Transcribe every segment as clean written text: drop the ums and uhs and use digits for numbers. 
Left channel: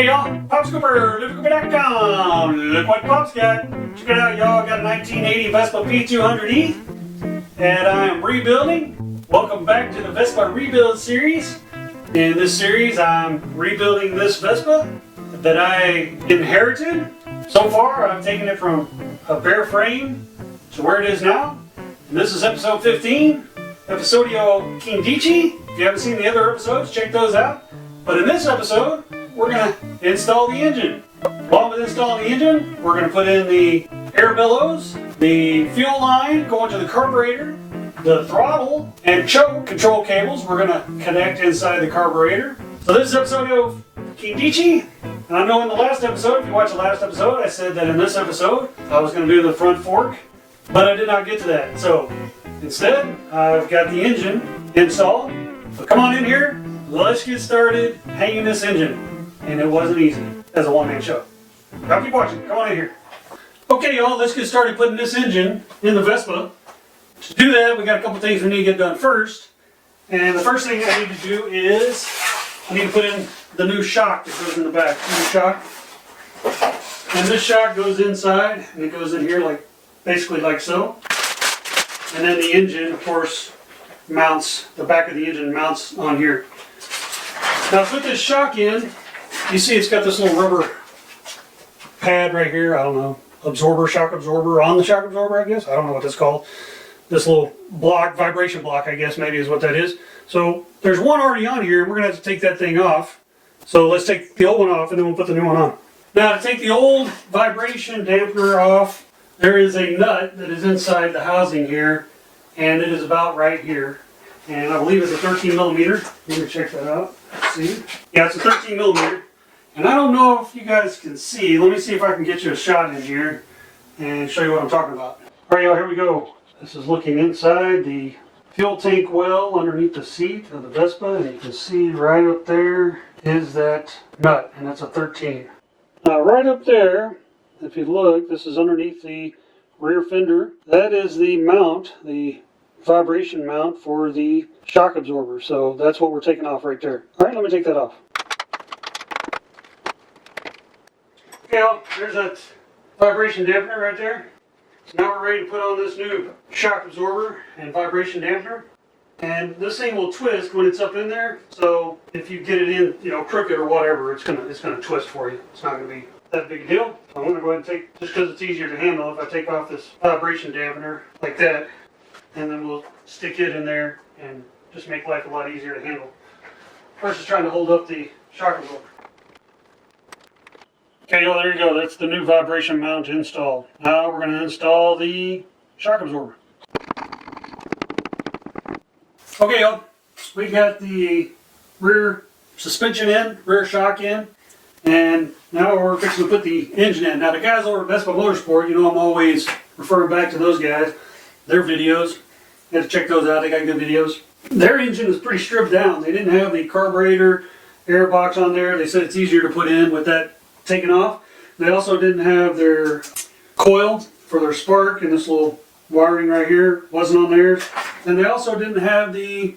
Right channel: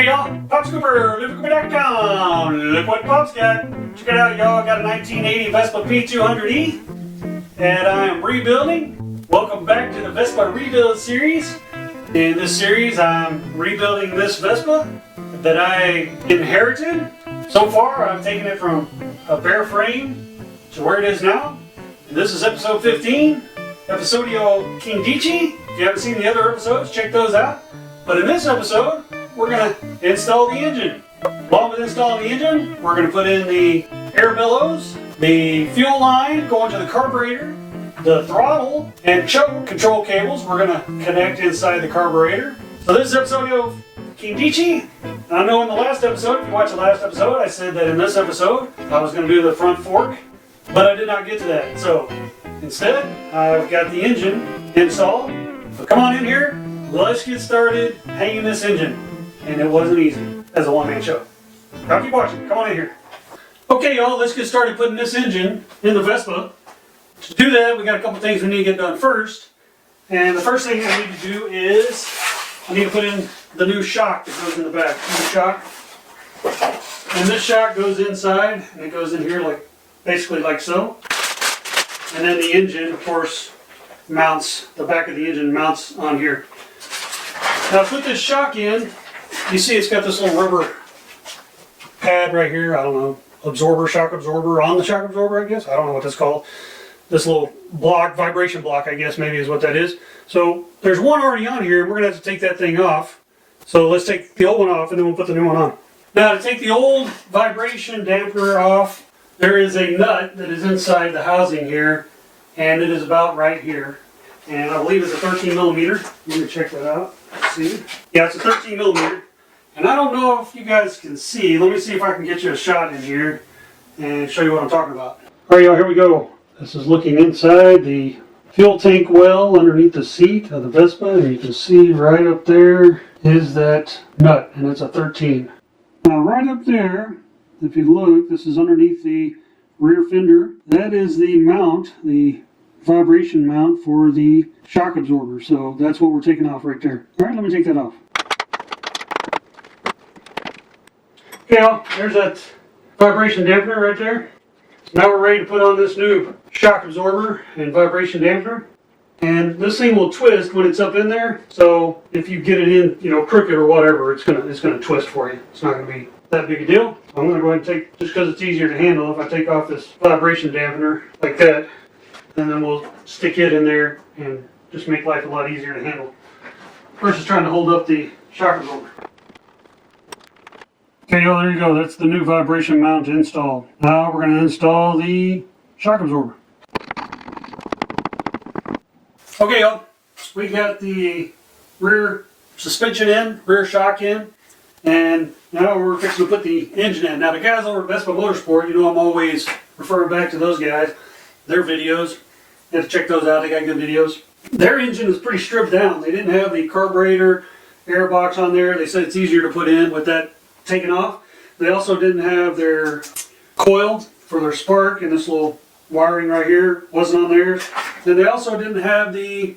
Hey y'all, Pop's Cooper, LivingCooper.com. Look what Pop's got. Check it out, y'all. Got a 1980 Vespa P200E and I'm rebuilding. Welcome back to the Vespa Rebuild series. In this series, I'm rebuilding this Vespa that I inherited. So far, I've taken it from a bare frame to where it is now. And this is episode 15, Episodio Quindici. If you haven't seen the other episodes, check those out. But in this episode, we're going to install the engine. Along with installing the engine, we're going to put in the air bellows, the fuel line going to the carburetor, the throttle, and choke control cables we're going to connect inside the carburetor. So this is Episodio Quindici. I know in the last episode, if you watched the last episode, I said that in this episode, I was going to do the front fork, but I did not get to that. So instead, I've got the engine installed. So come on in here. Let's get started hanging this engine. And it wasn't easy as a one-man show. Now keep watching. Come on in here. Okay, y'all, let's get started putting this engine in the Vespa. To do that, we got a couple things we need to get done first. And the first thing I need to do is I need to put in the new shock that goes in the back. New shock. And this shock goes inside, and it goes in here like basically like so. And then the engine, of course, mounts, the back of the engine mounts on here. Now put this shock in, you see it's got this little rubber pad right here, I don't know, absorber, shock absorber, on the shock absorber I guess, I don't know what that's called. This little block, vibration block I guess maybe is what that is. So there's one already on here and we're going to have to take that thing off. So let's take the old one off and then we'll put the new one on. Now to take the old vibration dampener off, there is a nut that is inside the housing here and it is about right here. And I believe it's a 13 millimeter. You can check that out. Let's see. Yeah, it's a 13 millimeter. And I don't know if you guys can see. Let me see if I can get you a shot in here and show you what I'm talking about. All right, y'all, here we go. This is looking inside the fuel tank well underneath the seat of the Vespa. And you can see right up there is that nut, and it's a 13. Now, right up there, if you look, this is underneath the rear fender. That is the mount, the vibration mount for the shock absorber. So that's what we're taking off right there. All right, let me take that off. Okay, well, there's that vibration dampener right there. So now we're ready to put on this new shock absorber and vibration dampener. And this thing will twist when it's up in there. So if you get it in, you know, crooked or whatever, it's gonna twist for you. It's not gonna be that big a deal. I'm gonna go ahead and take, just because it's easier to handle, if I take off this vibration dampener like that, and then we'll stick it in there and just make life a lot easier to handle versus trying to hold up the shock absorber. Okay, y'all, there you go. That's the new vibration mount installed. Now we're going to install the shock absorber. Okay, y'all, we got the rear suspension in, rear shock in, and now we're fixing to put the engine in. Now the guys over at Vespa Motorsport, you know I'm always referring back to those guys. Their videos, you have to check those out, they got good videos. Their engine is pretty stripped down. They didn't have the carburetor air box on there. They said it's easier to put in with that taken off. They also didn't have their coil for their spark, and this little wiring right here wasn't on theirs. And they also didn't have the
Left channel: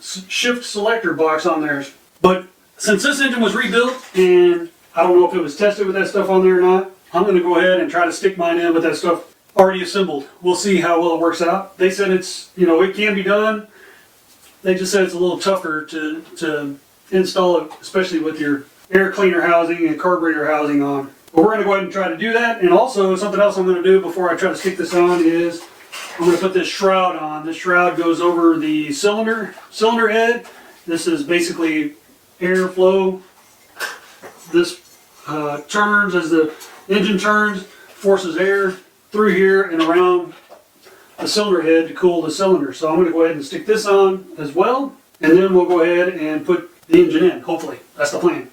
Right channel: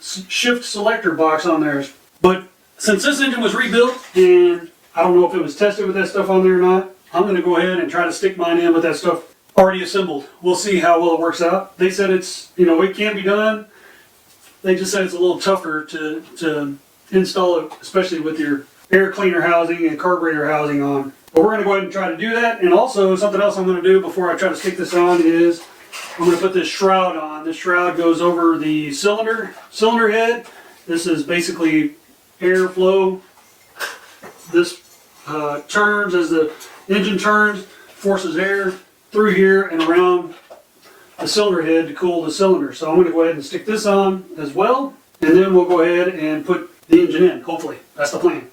shift selector box on theirs. But since this engine was rebuilt, and I don't know if it was tested with that stuff on there or not, I'm going to go ahead and try to stick mine in with that stuff already assembled. We'll see how well it works out. They said it's, you know, it can be done. They just said it's a little tougher to install it, especially with your air cleaner housing and carburetor housing on. But we're going to go ahead and try to do that. And also something else I'm going to do before I try to stick this on is I'm going to put this shroud on. This shroud goes over the cylinder head. This is basically airflow. This turns as the engine turns, forces air through here and around the cylinder head to cool the cylinder. So I'm going to go ahead and stick this on as well, and then we'll go ahead and put the engine in, hopefully. That's the plan.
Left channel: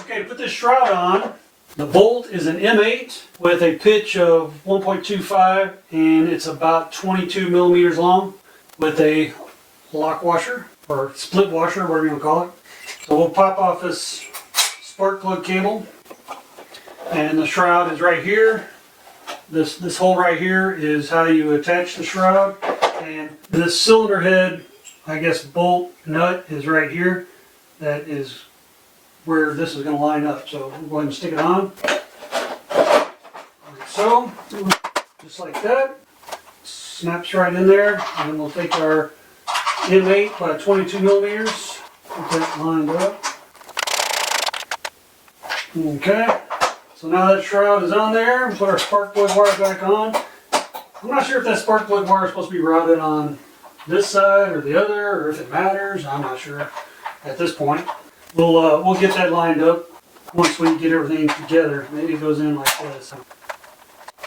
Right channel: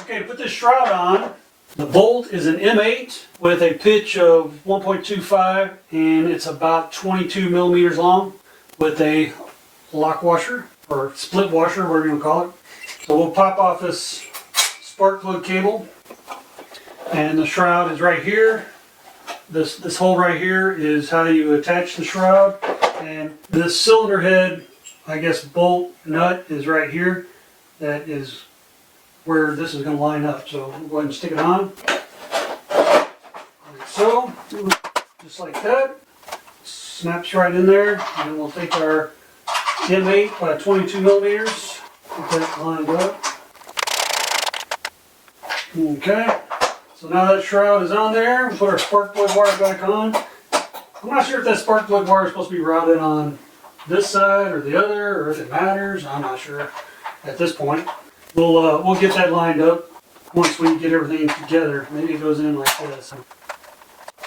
Okay, to put this shroud on, the bolt is an M8 with a pitch of 1.25 and it's about 22 millimeters long with a lock washer or split washer, whatever you want to call it. So we'll pop off this spark plug cable, and the shroud is right here. This hole right here is how you attach the shroud, and this cylinder head, I guess, bolt nut is right here. That is where this is going to line up. So we'll go ahead and stick it on. Like so, just like that. Snaps right in there, and then we'll take our M8 by 22 millimeters, get that lined up. Okay, so now that shroud is on there, we'll put our spark plug wire back on. I'm not sure if that spark plug wire is supposed to be routed on this side or the other, or if it matters. I'm not sure at this point. We'll get that lined up once we get everything together. Maybe it goes in like this.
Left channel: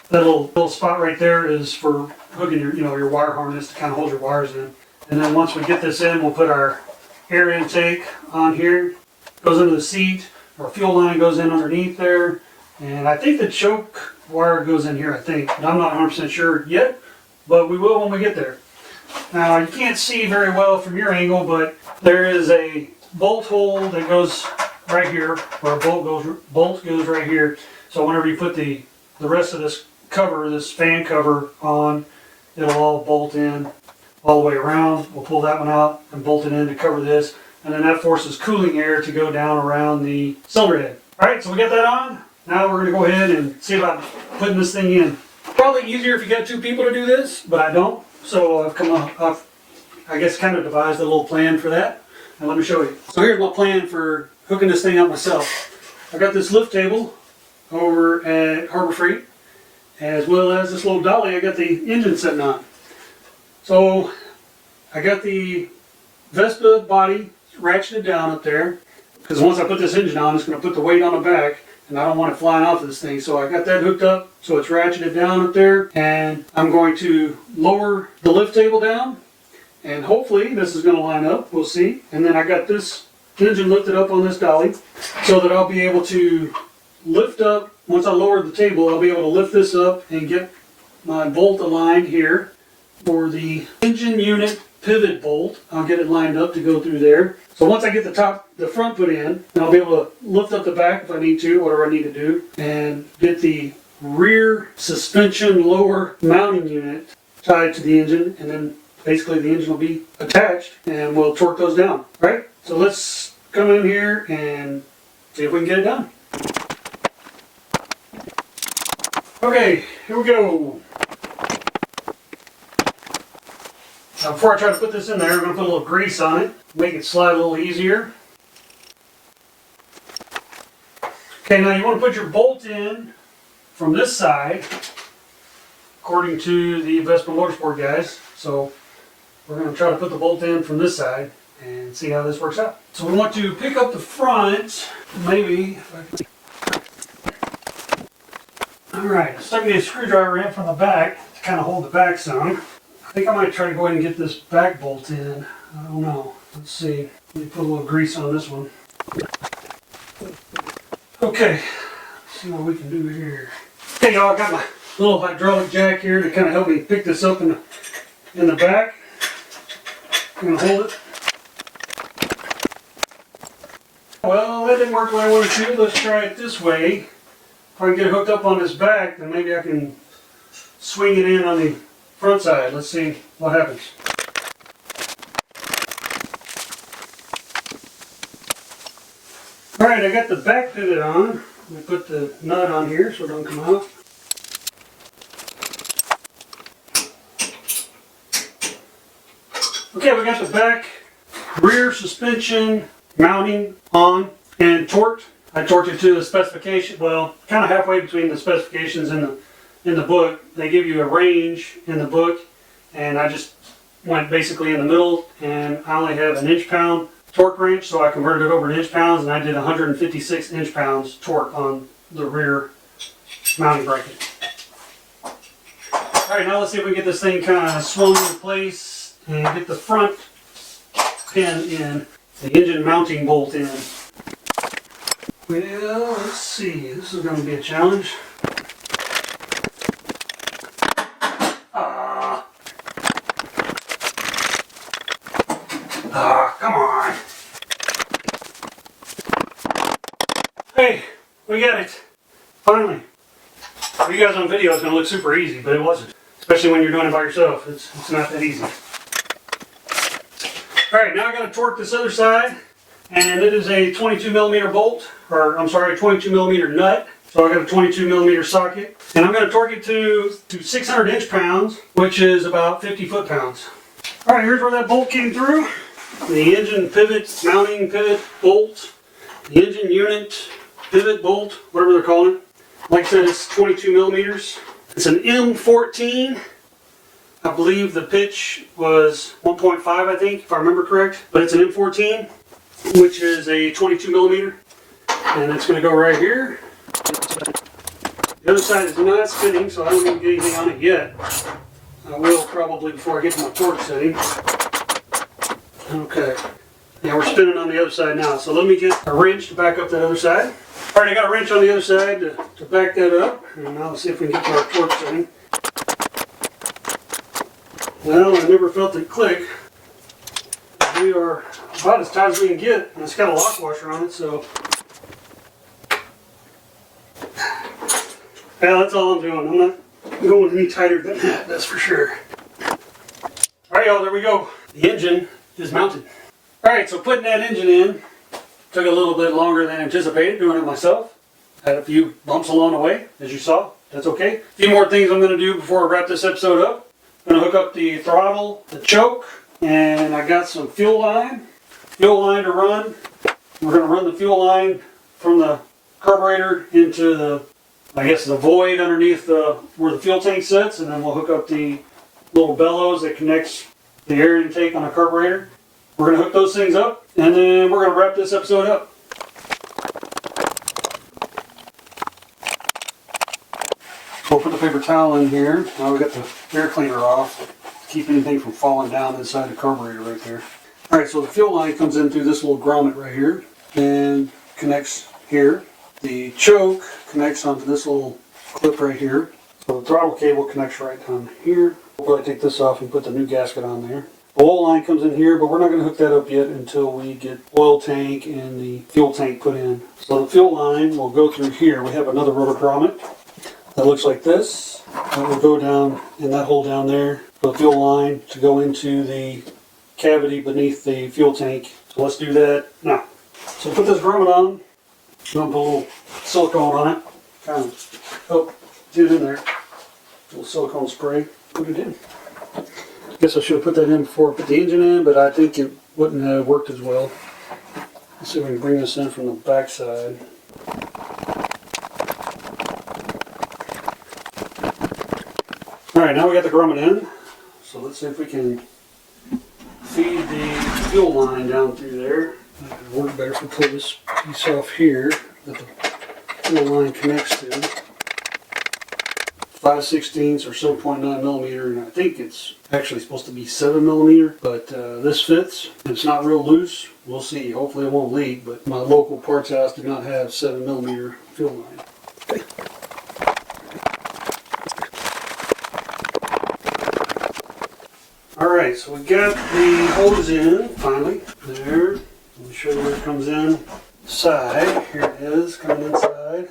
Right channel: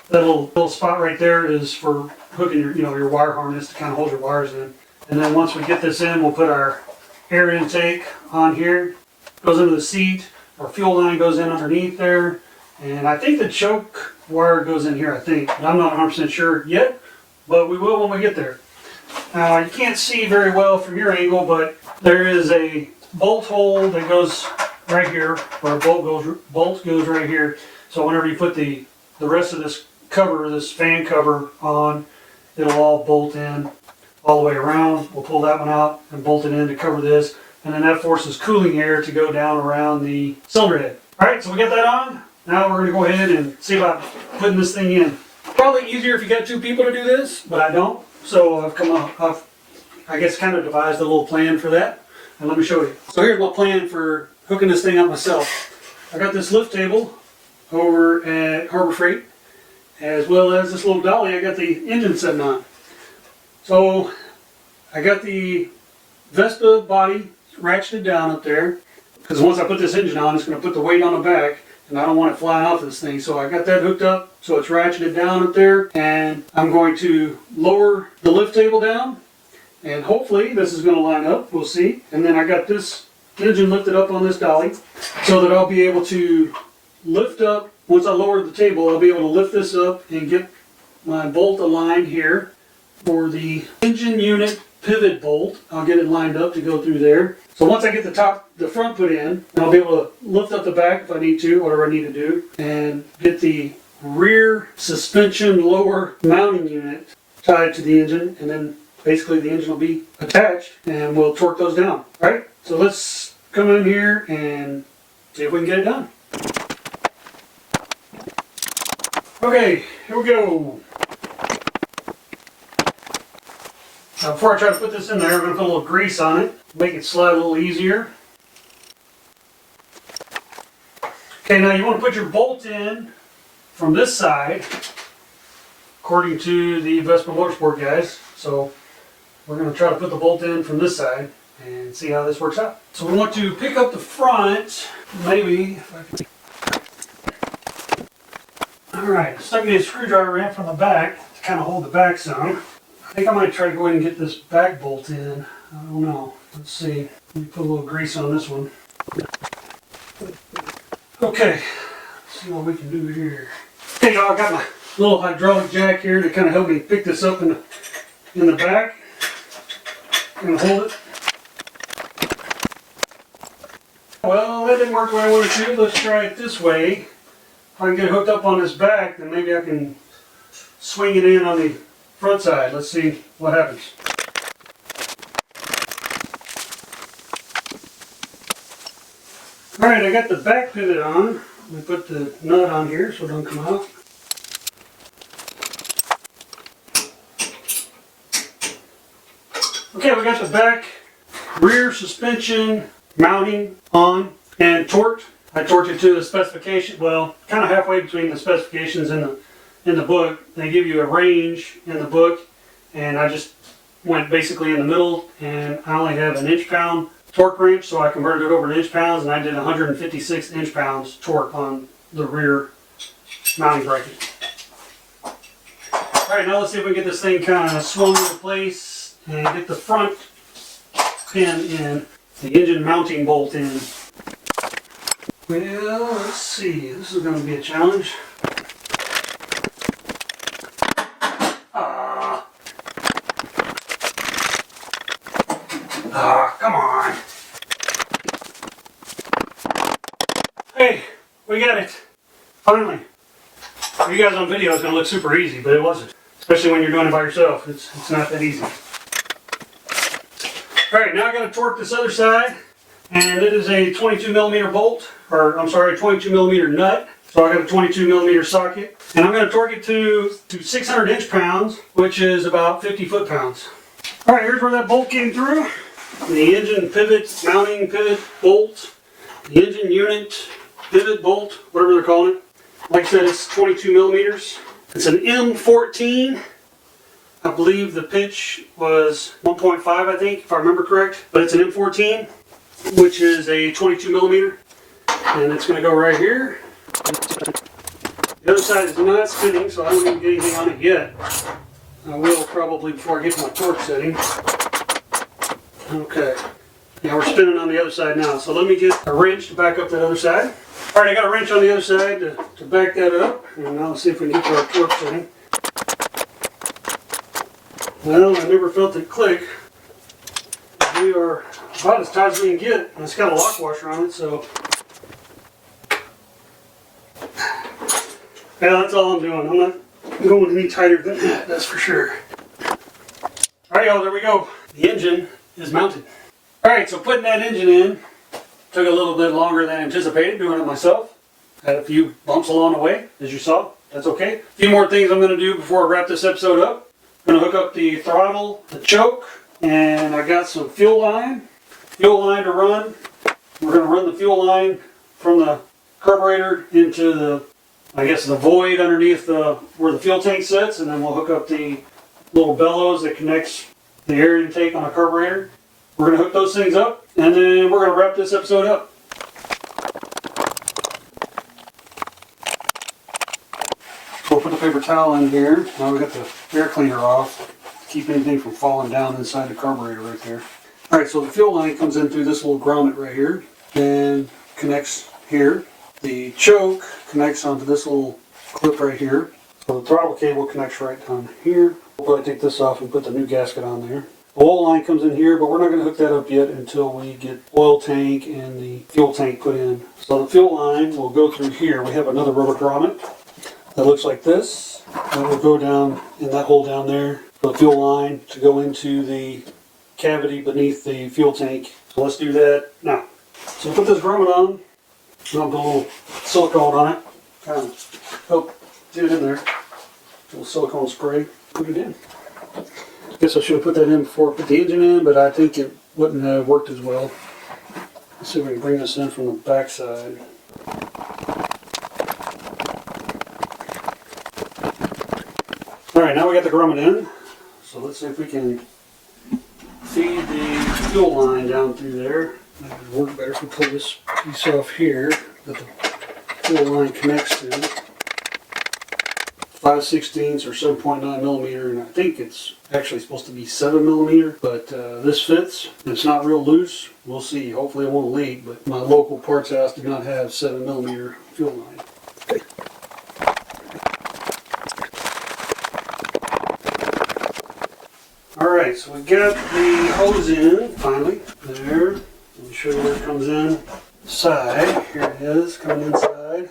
That little spot right there is for hooking your wire harness to kind of hold your wires in. And then once we get this in, we'll put our air intake on here. Goes into the seat. Our fuel line goes in underneath there. And I think the choke wire goes in here, I think. But I'm not 100% sure yet, but we will when we get there. Now, you can't see very well from your angle, but there is a bolt hole that goes right here, or a bolt goes right here. So whenever you put the rest of this cover, this fan cover on, it'll all bolt in all the way around. We'll pull that one out and bolt it in to cover this, and then that forces cooling air to go down around the cylinder head. Alright, so we got that on. Now we're going to go ahead and see about putting this thing in. Probably easier if you got two people to do this, but I don't. So I've I guess kind of devised a little plan for that, and let me show you. So here's my plan for hooking this thing up myself. I got this lift table over at Harbor Freight, as well as this little dolly I got the engine sitting on. So I got the Vespa body ratcheted down up there, because once I put this engine on, it's going to put the weight on the back, and I don't want it flying off of this thing. So I got that hooked up, so it's ratcheted down up there, and I'm going to lower the lift table down, and hopefully this is going to line up. We'll see. And then I got this engine lifted up on this dolly, so that I'll be able to lift up. Once I lower the table, I'll be able to lift this up and get my bolt aligned here for the engine unit pivot bolt. I'll get it lined up to go through there. So once I get the front put in, I'll be able to lift up the back if I need to, whatever I need to do, and get the rear suspension lower mounting unit tied to the engine, and then basically the engine will be attached, and we'll torque those down. All right, so let's come in here and see if we can get it done. Okay, here we go. Now before I try to put this in there, I'm going to put a little grease on it, make it slide a little easier. Okay, now you want to put your bolt in from this side, according to the Vespa Motorsport guys. So we're going to try to put the bolt in from this side and see how this works out. So we want to pick up the front, maybe. If I can. Alright, stuck a screwdriver in from the back to kind of hold the back some. I think I might try to go ahead and get this back bolt in. I don't know. Let's see. Let me put a little grease on this one. Okay, let's see what we can do here. Okay, y'all, I got my little hydraulic jack here to kind of help me pick this up in the back. I'm going to hold it. Well, that didn't work the way I wanted to. Let's try it this way. If I can get it hooked up on this back, then maybe I can swing it in on the front side. Let's see what happens. Alright, I got the back pivot on. Let me put the nut on here so it doesn't come out. Okay, we got the back rear suspension mounting on and torqued. I torqued it to the specification, well, kind of halfway between the specifications and the book. They give you a range in the book, and I just went basically in the middle, and I only have an inch-pound torque wrench, so I converted it over to inch-pounds, and I did 156 inch-pounds torque on the rear mounting bracket. Alright, now let's see if we can get this thing kind of swung into place and get the front pin in, the engine mounting bolt in. Well, let's see. This is going to be a challenge. Come on. Hey, we got it. Finally. For you guys on video, it's going to look super easy, but it wasn't. Especially when you're doing it by yourself. It's not that easy. Alright, now I got to torque this other side. And it is a 22 millimeter bolt, or I'm sorry, a 22 millimeter nut. So I got a 22 millimeter socket. And I'm going to torque it to 600 inch-pounds, which is about 50 foot-pounds. All right, here's where that bolt came through. The engine pivot, mounting pivot bolt, the engine unit pivot bolt, whatever they're calling it. Like I said, it's 22 millimeters. It's an M14. I believe the pitch was 1.5, I think, if I remember correct. But it's an M14, which is a 22 millimeter. And it's going to go right here. The other side is not spinning, so I don't even get anything on it yet. I will probably before I get to my torque setting. Okay. Yeah, we're spinning on the other side now. So let me get a wrench to back up that other side. All right, I got a wrench on the other side to back that up. And now let's see if we can get to our torque setting. Well, I never felt it click. We are about as tight as we can get. And it's got a lock washer on it, so. Yeah, that's all I'm doing. I'm not going any tighter than that, that's for sure. Alright y'all, there we go. The engine is mounted. Alright, so putting that engine in took a little bit longer than anticipated, doing it myself. Had a few bumps along the way, as you saw. That's okay. A few more things I'm going to do before I wrap this episode up. I'm going to hook up the throttle, the choke, and I got some fuel line to run. We're going to run the fuel line from the carburetor into the the void underneath where the fuel tank sits, and then we'll hook up the little bellows that connects the air intake on the carburetor. We're going to hook those things up, and then we're going to wrap this episode up. So we'll put the paper towel in here. Now we got the air cleaner off to keep anything from falling down inside the carburetor right there. Alright, so the fuel line comes in through this little grommet right here and connects here. The choke connects onto this little clip right here. So the throttle cable connects right down here. We'll probably take this off and put the new gasket on there. The oil line comes in here, but we're not going to hook that up yet until we get oil tank and the fuel tank put in. So the fuel line will go through here. We have another rubber grommet that looks like this. That will go down in that hole down there for the fuel line to go into the cavity beneath the fuel tank. So let's do that now. So put this grommet on. I'm going to put a little silicone on it, kind of help get it in there. A little silicone spray, put it in. I guess I should have put that in before I put the engine in, but I think it wouldn't have worked as well. Let's see if we can bring this in from the back side. Alright, now we got the grommet in, so let's see if we can feed the fuel line down through there. That would work better if we pull this piece off here that the fuel line connects to. 5/16 or 7.9 millimeter, and I think it's actually supposed to be 7 millimeter, but this fits. It's not real loose. We'll see. Hopefully it won't leak, but my local parts house did not have 7 millimeter fuel line. Okay. Alright, so we got the hose in, finally, there. Let me show you where it comes in. Side, here it is, coming inside,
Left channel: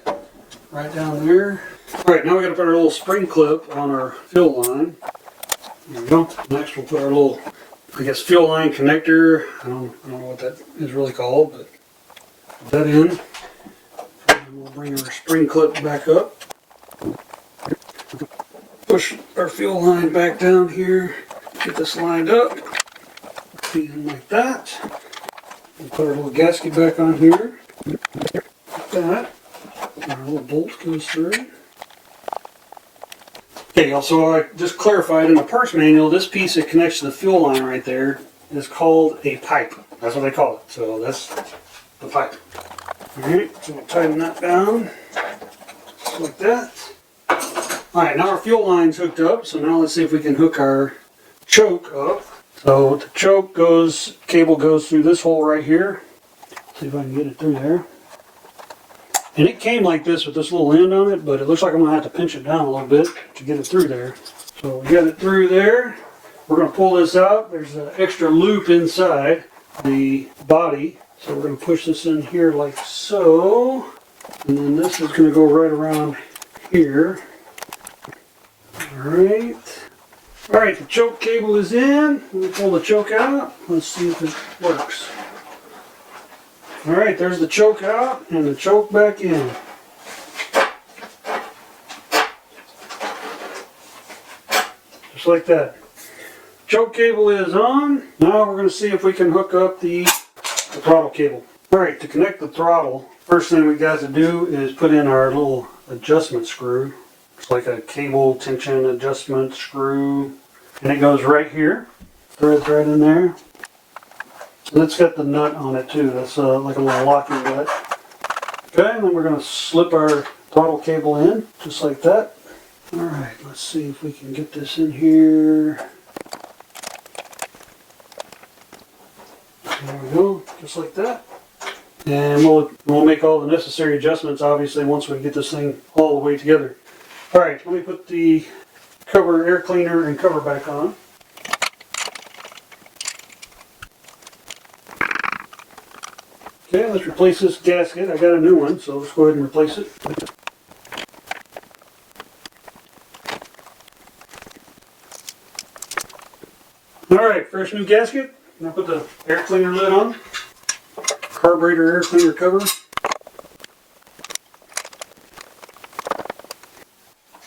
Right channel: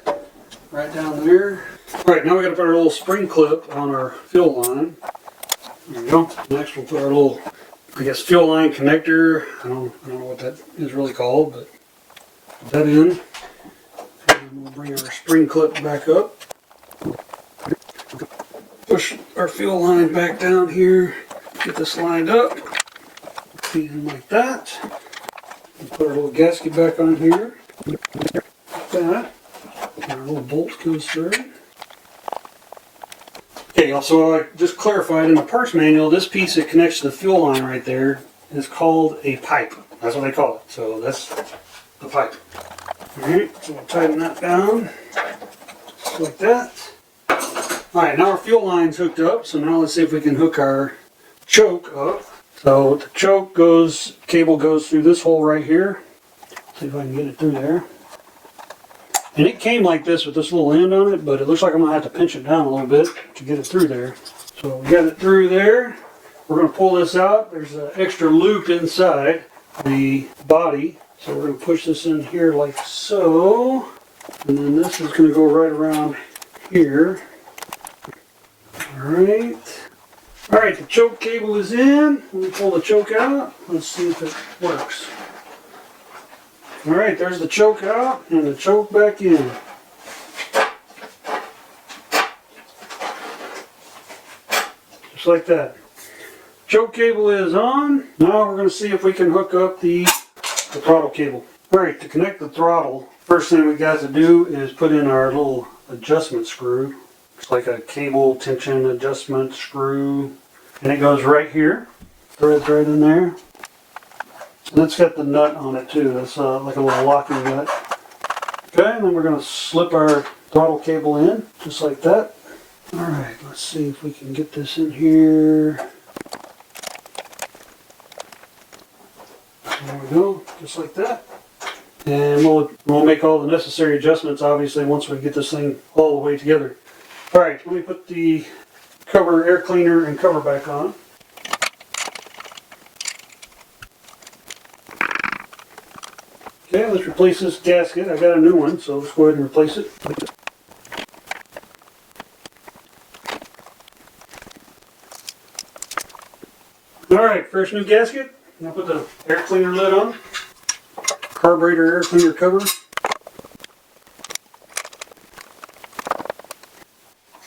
right down there. Alright, now we got to put our little spring clip on our fuel line. There we go. Next we'll put our little, fuel line connector. I don't know what that is really called, but put that in. And we'll bring our spring clip back up. Push our fuel line back down here. Get this lined up. Feed in like that. We'll put our little gasket back on here. Like that. And our little bolt goes through. Okay, so I just clarified in the parts manual, this piece that connects to the fuel line right there is called a pipe. That's what they call it. So that's the pipe. Alright, so we'll tighten that down. Just like that. Alright, now our fuel line's hooked up. So now let's see if we can hook our choke up. So the choke cable goes through this hole right here. See if I can get it through there. And it came like this with this little end on it, but it looks like I'm going to have to pinch it down a little bit to get it through there. So we got it through there. We're going to pull this out. There's an extra loop inside the body. So we're going to push this in here like so. And then this is going to go right around here. Alright. Alright, the choke cable is in. We'll pull the choke out. Let's see if it works. Alright, there's the choke out and the choke back in. Just like that. Choke cable is on. Now we're going to see if we can hook up the throttle cable. Alright, to connect the throttle, first thing we got to do is put in our little adjustment screw. It's like a cable tension adjustment screw. And it goes right here. Threads right in there. And it's got the nut on it too. That's like a little locking nut. Okay, and then we're going to slip our throttle cable in, just like that. Alright, let's see if we can get this in here. There we go, just like that. And we'll make all the necessary adjustments, obviously, once we get this thing all the way together. Alright, let me put the cover, air cleaner, and cover back on. Okay, let's replace this gasket. I got a new one, so let's go ahead and replace it. Alright, first new gasket. I'm going to put the air cleaner lid on. Carburetor air cleaner cover.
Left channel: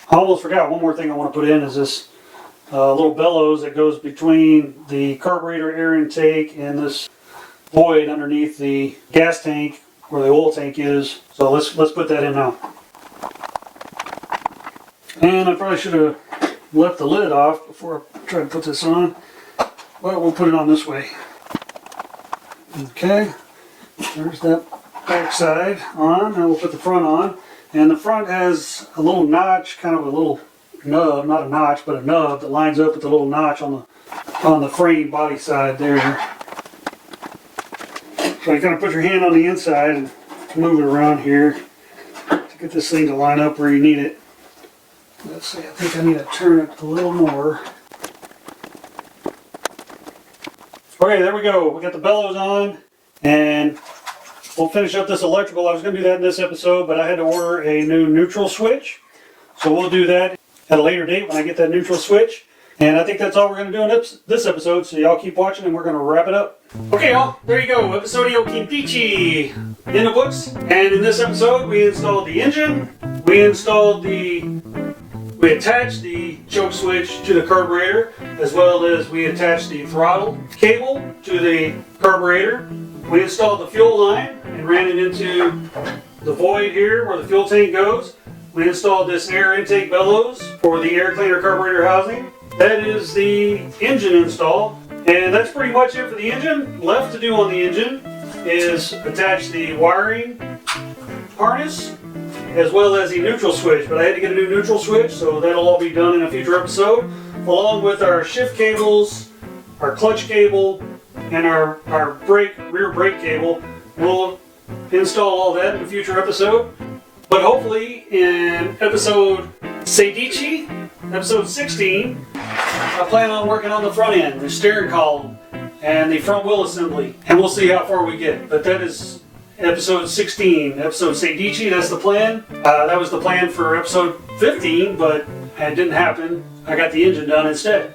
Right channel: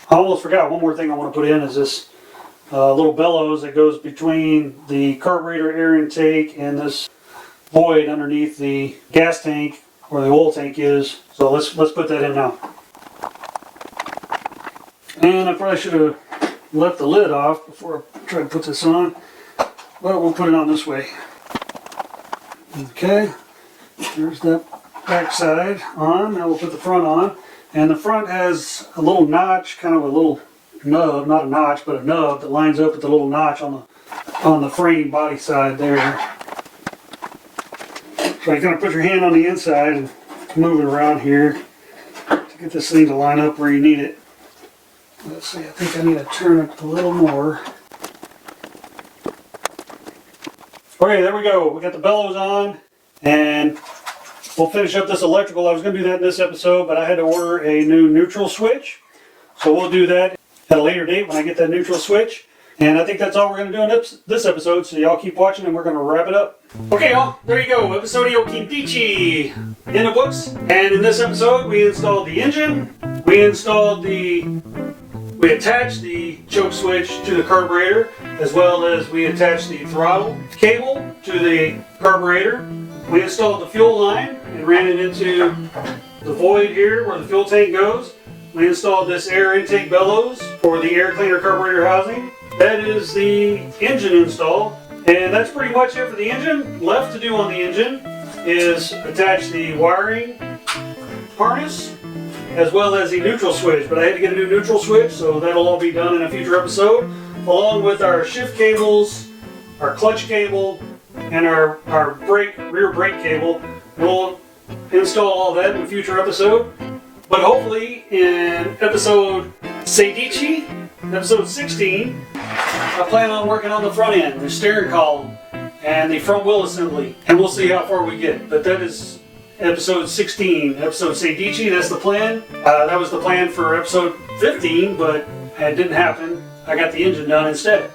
I almost forgot one more thing I want to put in is this little bellows that goes between the carburetor air intake and this void underneath the gas tank where the oil tank is. So let's put that in now. And I probably should have left the lid off before I try to put this on, but we'll put it on this way. Okay, there's that back side on. Now we'll put the front on, and the front has a little notch, kind of a little nub, not a notch, but a nub that lines up with the little notch on the frame body side there. So you kind of put your hand on the inside and move it around here to get this thing to line up where you need it. Let's see, I think I need to turn it a little more. Okay, there we go. We got the bellows on, and we'll finish up this electrical. I was going to do that in this episode, but I had to order a new neutral switch. So we'll do that at a later date when I get that neutral switch. And I think that's all we're going to do in this episode, so y'all keep watching and we're going to wrap it up. Okay, y'all, there you go. Episodio Quindici in the books. And in this episode, we installed the engine. We attached the choke switch to the carburetor, as well as we attached the throttle cable to the carburetor. We installed the fuel line and ran it into the void here where the fuel tank goes. We installed this air intake bellows for the air cleaner carburetor housing. That is the engine install, and that's pretty much it for the engine. Left to do on the engine is attach the wiring harness as well as the neutral switch, but I had to get a new neutral switch, so that'll all be done in a future episode, along with our shift cables, our clutch cable, and our rear brake cable. We'll install all that in a future episode, but hopefully in episode Quindici, episode 16, I plan on working on the front end, the steering column, and the front wheel assembly, and we'll see how far we get. But that is episode 16, episode Quindici, that's the plan. That was the plan for episode 15, but it didn't happen. I got the engine done instead.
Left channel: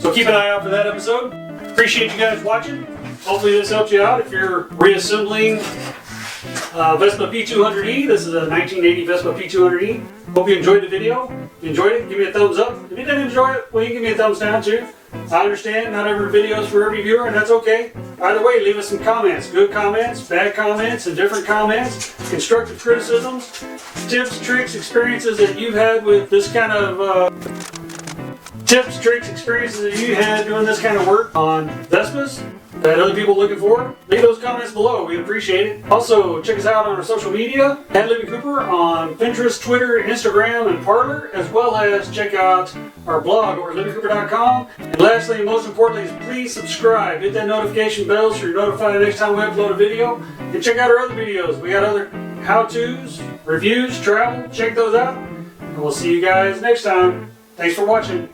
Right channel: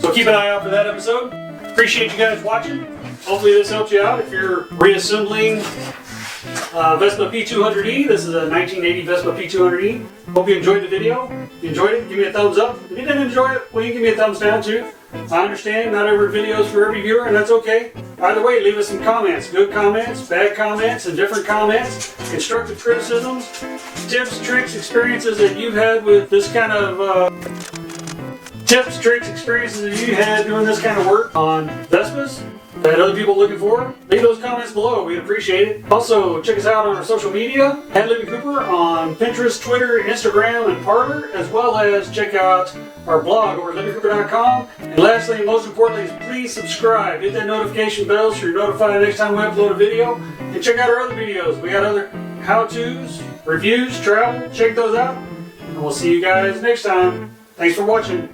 So keep an eye out for that episode. Appreciate you guys watching. Hopefully this helps you out if you're reassembling Vespa P200E. This is a 1980 Vespa P200E. Hope you enjoyed the video. If you enjoyed it, give me a thumbs up. If you didn't enjoy it, well, you can give me a thumbs down too. I understand not every video is for every viewer, and that's okay. Either way, leave us some comments. Good comments, bad comments, indifferent comments, constructive criticisms, tips, tricks, experiences that you've had with this kind of tips, tricks, experiences that you had doing this kind of work on Vespas that other people are looking for. Leave those comments below. We'd appreciate it. Also, check us out on our social media at LivingCooper on Pinterest, Twitter, Instagram, and Parler, as well as check out our blog over at LivingCooper.com. And lastly, and most importantly, is please subscribe. Hit that notification bell so you're notified next time we upload a video. And check out our other videos. We got other how-tos, reviews, travel. Check those out. And we'll see you guys next time. Thanks for watching.